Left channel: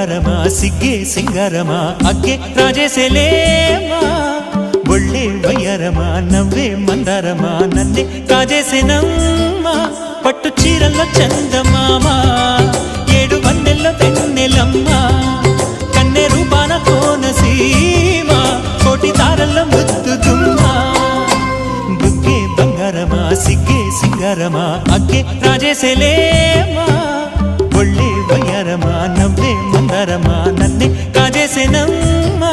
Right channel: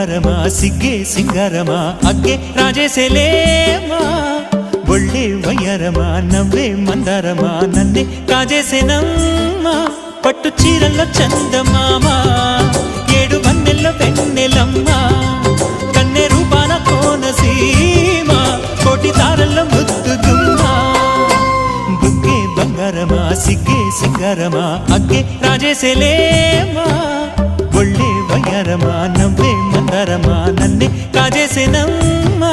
బంగారమా సిగ్గే సింగారమా అగ్గే రాజేసేలేమా ఒళ్ళే వయ్యారమా నవ్వే మందారమా నన్నే కాజేసేనమ్మా పట్టు చీరల్లో చందమామా ఏడు వన్నెల్లో వెన్నెలమ్మా కన్నె రూపాన కోనసీమ కోటి తారల్లో ముద్దుదుమ్మా బుగ్గే బంగారమా సిగ్గే సింగారమా అగ్గే రాజేసేలేమా ఒళ్ళే వయ్యారమా నవ్వే మందారమా నన్నే కాజేసేనమ్మా